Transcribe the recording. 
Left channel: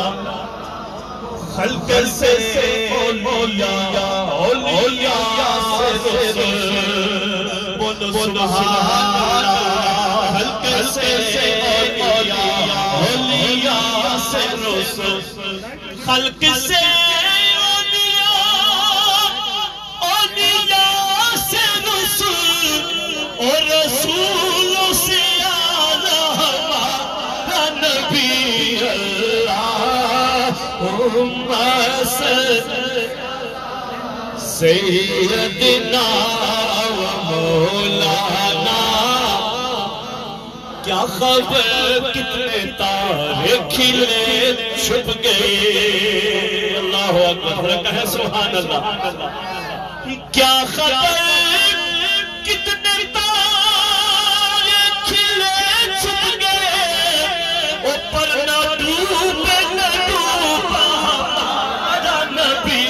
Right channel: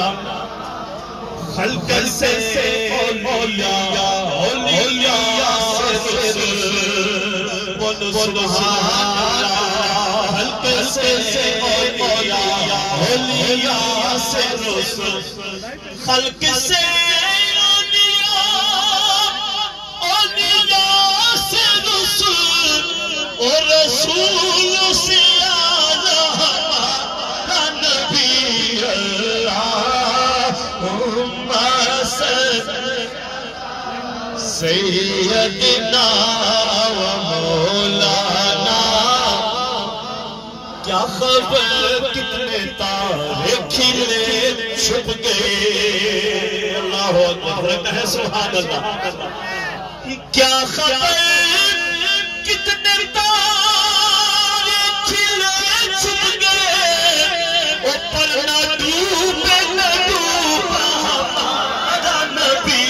خلق سے اولیاء سے رسول بولو سبحان اللہ خلق سے اولیاء سے رسول خلق سے اولیاء سے رسول اور رسول سے سیدنا و مولانا کیا خبر کتنے تارے کھلے چھپ گئے اللہ اکبر کہے سبحان اللہ کیا خبر کتنے تارے کھلے چھپ گئے اوپر نہ ڈوبے نہ ڈوبا ہمارا نبی